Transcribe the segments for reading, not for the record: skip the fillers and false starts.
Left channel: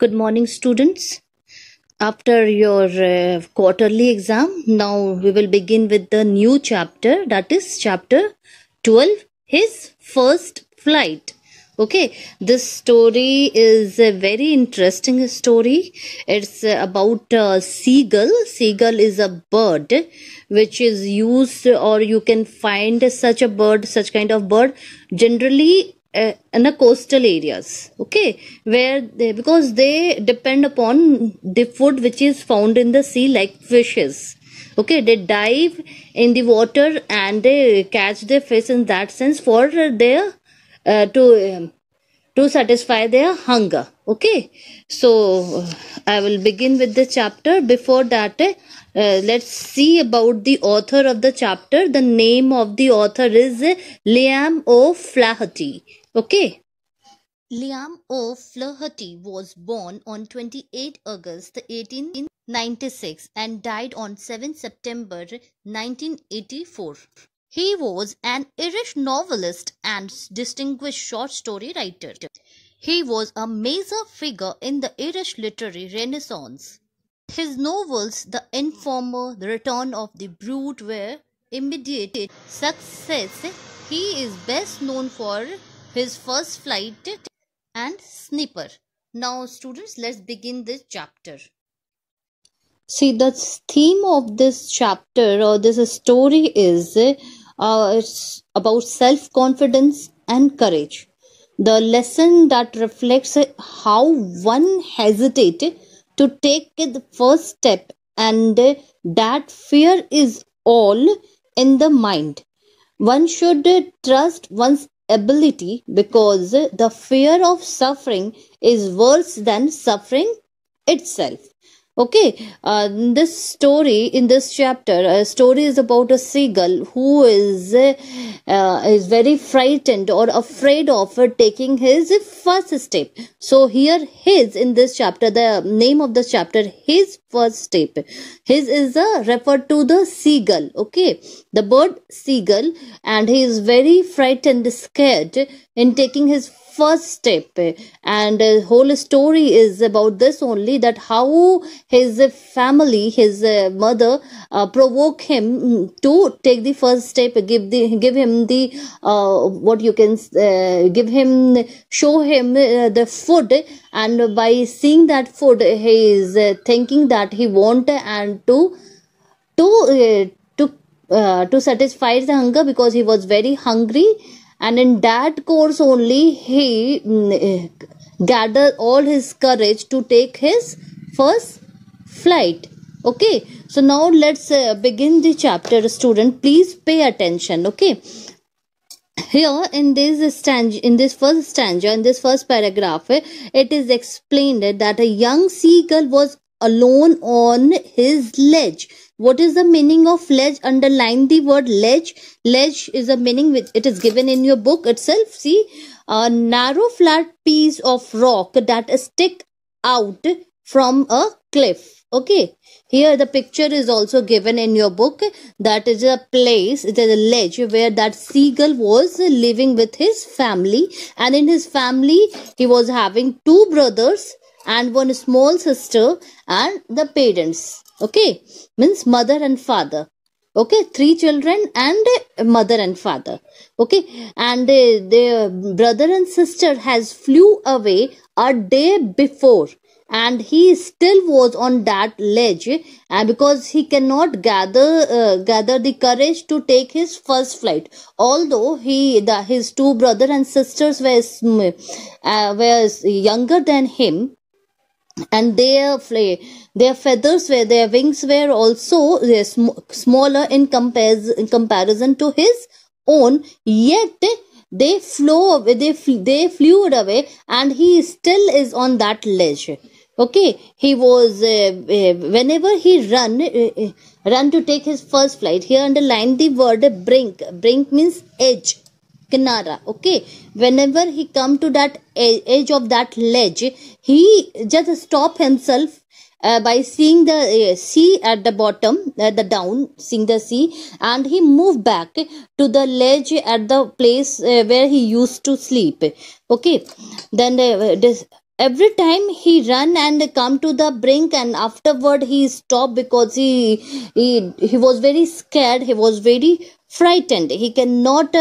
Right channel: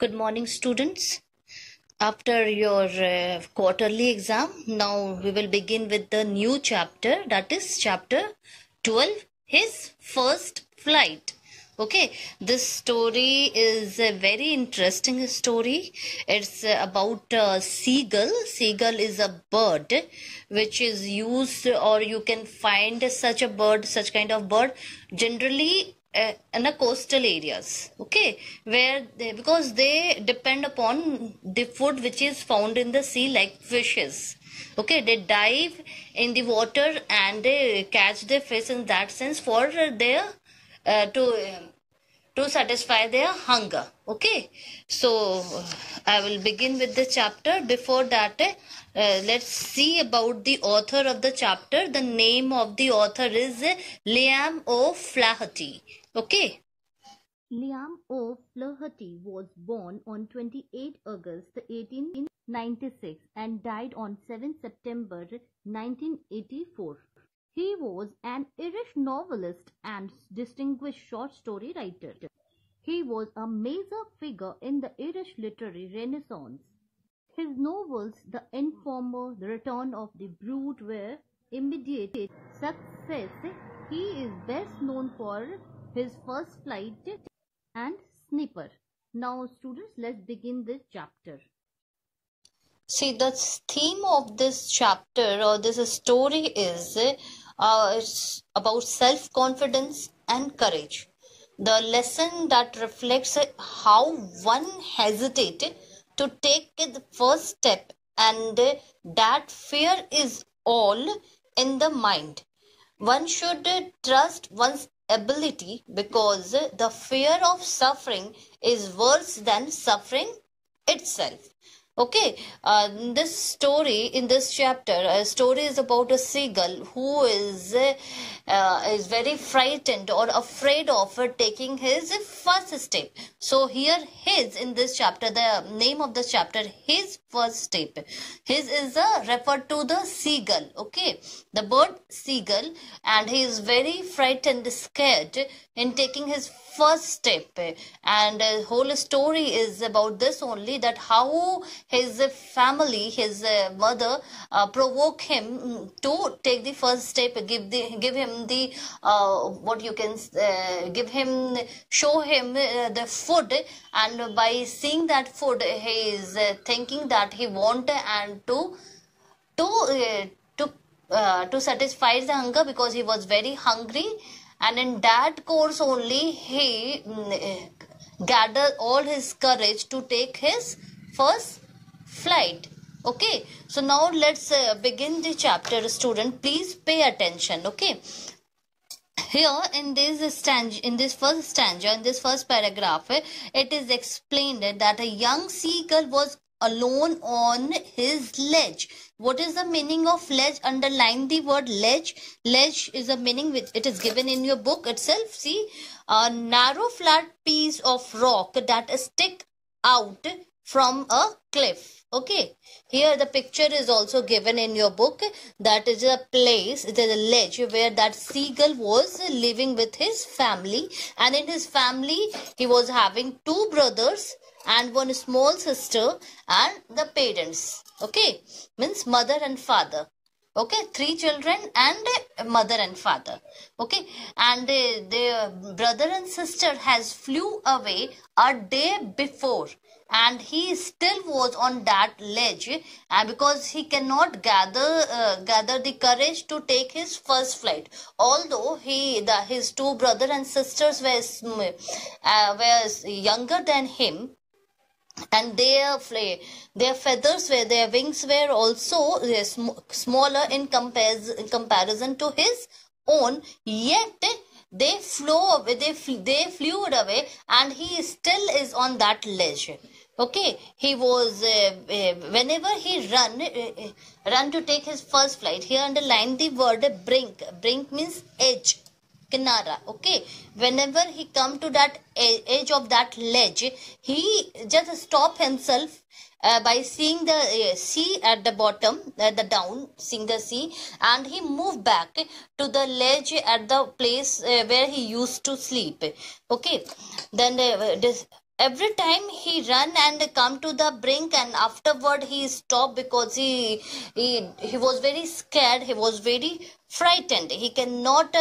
Good morning, students. After your quarterly exam, now we will begin with the new chapter, that is chapter 12, his first flight. Okay, this story is a very interesting story. It's about a seagull. Seagull is a bird which is used, or you can find such a bird, such kind of bird generally in the coastal areas, okay, where because they depend upon the food which is found in the sea, like fishes. Okay, they dive in the water and they catch the fish in that sense for their to satisfy their hunger. Okay, so I will begin with the chapter. Before that, let's see about the author of the chapter. The name of the author is Liam O'Flaherty. Okay. Liam O'Flaherty was born on 28 August 1896 and died on 7 September 1984. He was an Irish novelist and distinguished short story writer. He was a major figure in the Irish literary renaissance. His novels, The Informer, The Return of the Brute, were immediate success. He is best known for his first flight and Snipper. Now, students, let's begin this chapter. See, the theme of this chapter or this story is it's about self-confidence and courage. The lesson that reflects how one hesitated to take the first step, and that fear is all in the mind. One should trust one's ability, because the fear of suffering is worse than suffering itself. Okay, this story in this chapter, a story is about a seagull who is very frightened or afraid of taking his first step. So here, his in this chapter, the name of the chapter, his first step. His is referred to the seagull. Okay, the bird seagull, and he is very frightened, scared in taking his first step, and the whole story is about this only, that how his family, his mother provoke him to take the first step, give him the what you can show him the food, and by seeing that food he is thinking that he want and to satisfy the hunger, because he was very hungry. And in that course only he gathered all his courage to take his first flight. Okay, so now let's begin the chapter. Student, please pay attention. Okay, here in this first stanza, in this first paragraph, it is explained that a young seagull was alone on his ledge. What is the meaning of ledge? Underline the word ledge. Ledge is a meaning which it is given in your book itself. See, a narrow flat piece of rock that stick out from a cliff. Okay, here the picture is also given in your book. That is a place, it is a ledge where that seagull was living with his family, and in his family he was having two brothers and one small sister and the parents. Okay, means mother and father. Okay, three children and mother and father. Okay, and their brother and sister has flew away a day before, and he still was on that ledge, and because he cannot gather the courage to take his first flight, although his two brother and sisters were younger than him, and their feathers their wings were also smaller in comparison to his own, yet they flew away, and he still is on that ledge. Okay, he was whenever he run to take his first flight. Here underline the word brink. Brink means edge, kinara. Okay, whenever he come to that edge of that ledge, he just stop himself by seeing the sea at the bottom, seeing the sea, and he moved back to the ledge at the place where he used to sleep. Okay, then every time he run and come to the brink, and afterward he stopped because he was very scared, he was very frightened. He cannot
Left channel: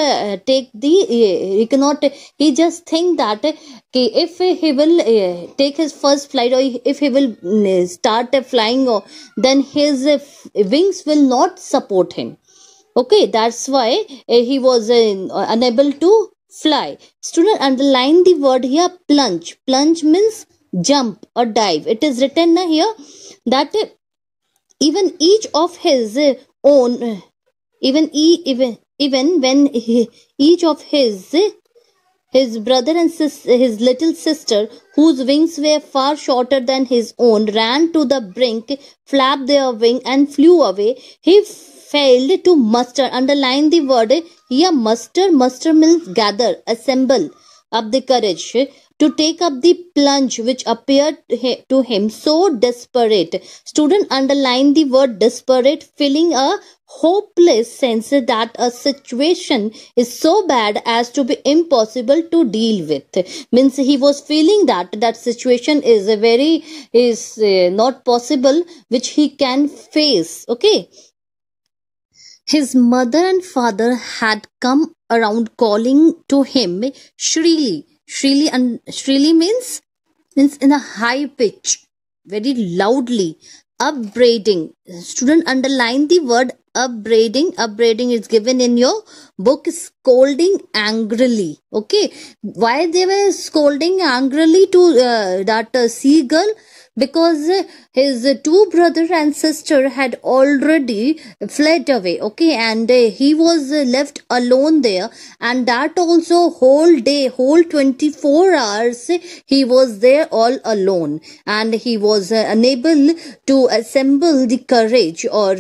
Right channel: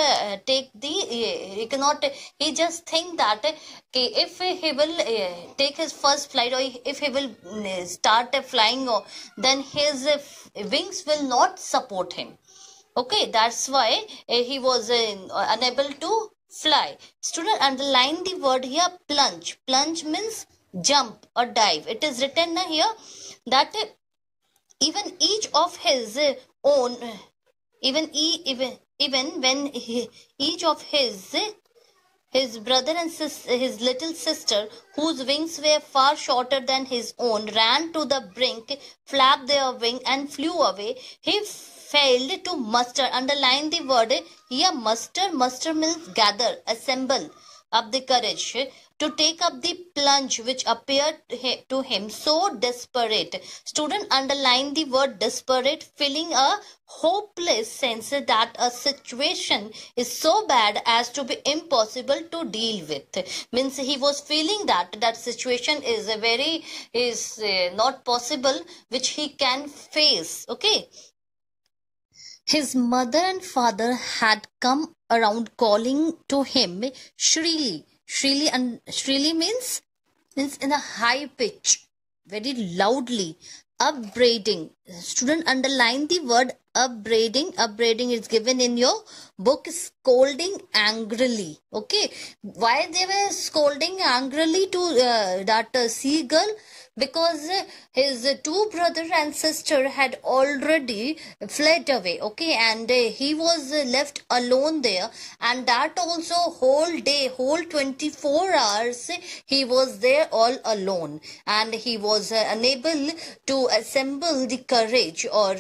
he cannot, he just think that if he will take his first flight, or if he will start flying, or then his wings will not support him. Okay, that's why he was unable to fly. Student, underline the word here, plunge. Plunge means jump or dive. It is written here that even each of his own, even when each of his brother and his little sister, whose wings were far shorter than his own, ran to the brink, flapped their wing and flew away. He failed to muster. Underline the word here, muster. Muster means gather, assemble up the courage to take up the plunge which appeared to him so desperate. Student, underline the word desperate, feeling a hopeless sense that a situation is so bad as to be impossible to deal with. Means he was feeling that situation is not possible, which he can face. Okay. His mother and father had come around calling to him shrilly. Shrilly means in a high pitch, very loudly. Upbraiding. Student, underline the word upbraiding. Upbraiding is given in your book, scolding angrily. Okay. Why they were scolding angrily to that seagull? Because his two brother and sister had already fled away. Okay, and he was left alone there, and that also whole day, whole 24 hours he was there all alone, and he was unable to assemble the courage, or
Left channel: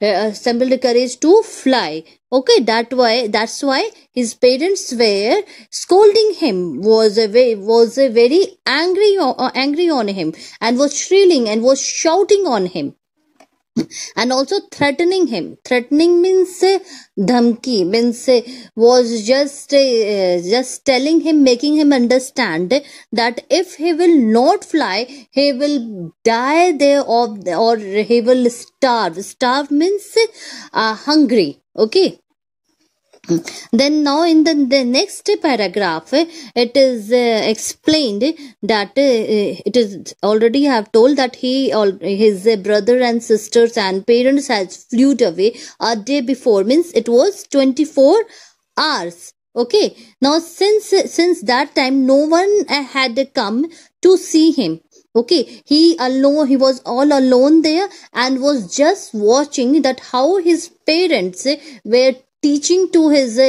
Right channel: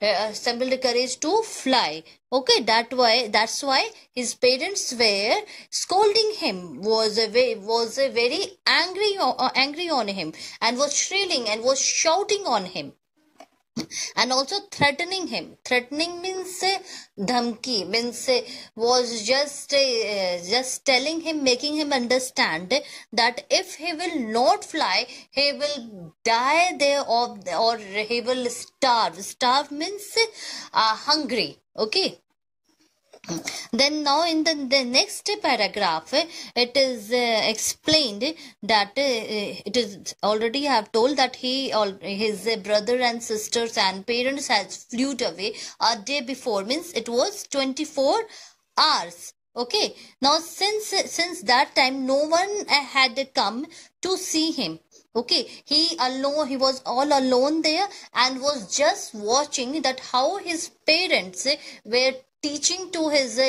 assemble the courage to fly. Okay, that's why his parents were scolding him, was very angry on him, and was shrilling and was shouting on him, and also threatening him. Threatening means dhamki, means was just telling him, making him understand that if he will not fly, he will die there, or he will starve. Starve means hungry. Okay. Then now in the next paragraph, it is explained that it is already I have told that his brother and sisters and parents has flew away a day before, means it was 24 hours. Okay. Now since that time no one had come to see him. Okay, he was all alone there, and was just watching that how his parents were teaching to his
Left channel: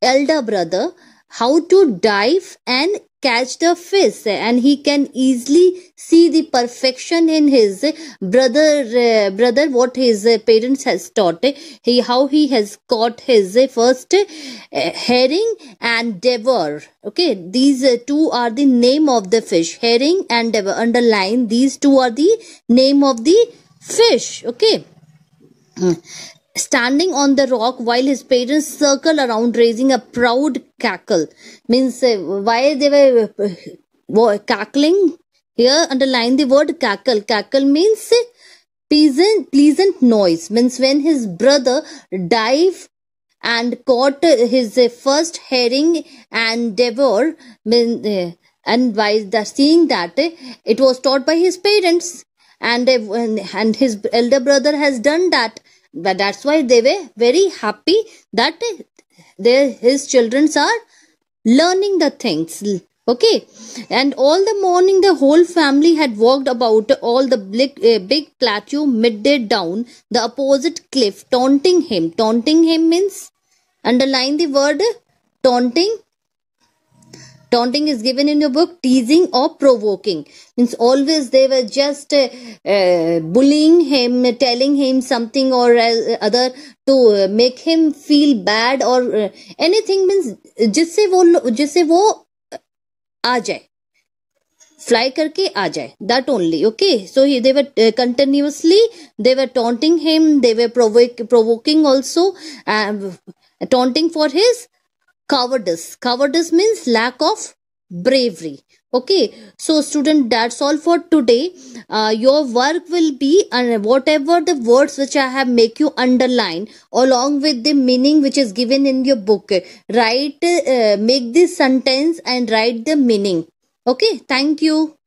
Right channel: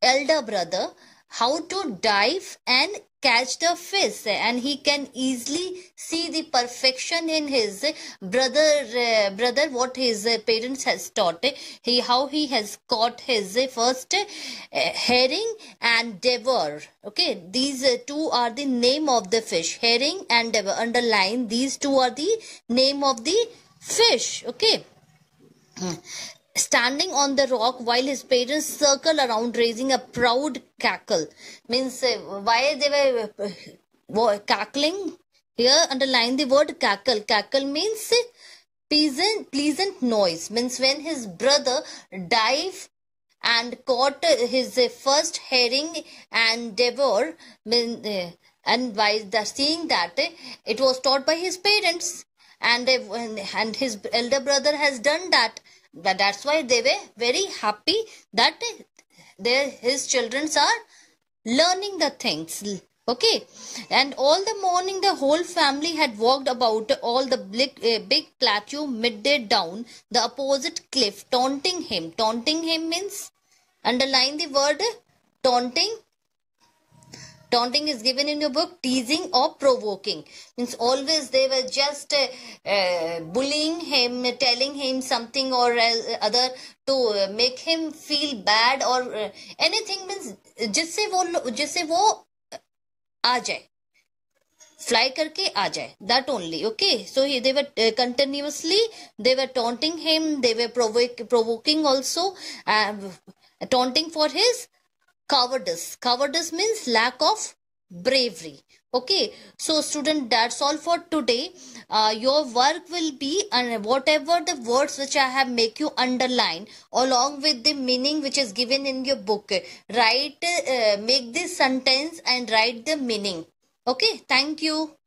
elder brother how to dive and catch the fish, and he can easily see the perfection in his brother what his parents has taught. How he has caught his first herring and devor. Okay, these two are the name of the fish, herring and devor. Underline, these two are the name of the fish. Okay. Standing on the rock while his parents circle around, raising a proud cackle. Means why they were cackling? Here underline the word cackle. Cackle means pleasant noise. Means when his brother dived and caught his first herring and devor, and by seeing that it was taught by his parents, and his elder brother has done that. But that's why they were very happy that his children are learning the things. Okay. And all the morning the whole family had walked about all the big plateau midday down the opposite cliff, taunting him. Taunting him means, underline the word taunting. Taunting is given in your book, teasing or provoking. Means always they were just bullying him, telling him something or other to make him feel bad or anything, means जिससे वो आ जाए, fly करके आ जाए, that only. Okay, so they were continuously they were taunting him, they were provoking also, taunting for his cowardice. Cowardice means lack of bravery. Okay, so student, that's all for today. Your work will be, whatever the words which I have make you underline along with the meaning which is given in your book. Write, make this sentence and write the meaning. Okay, thank you.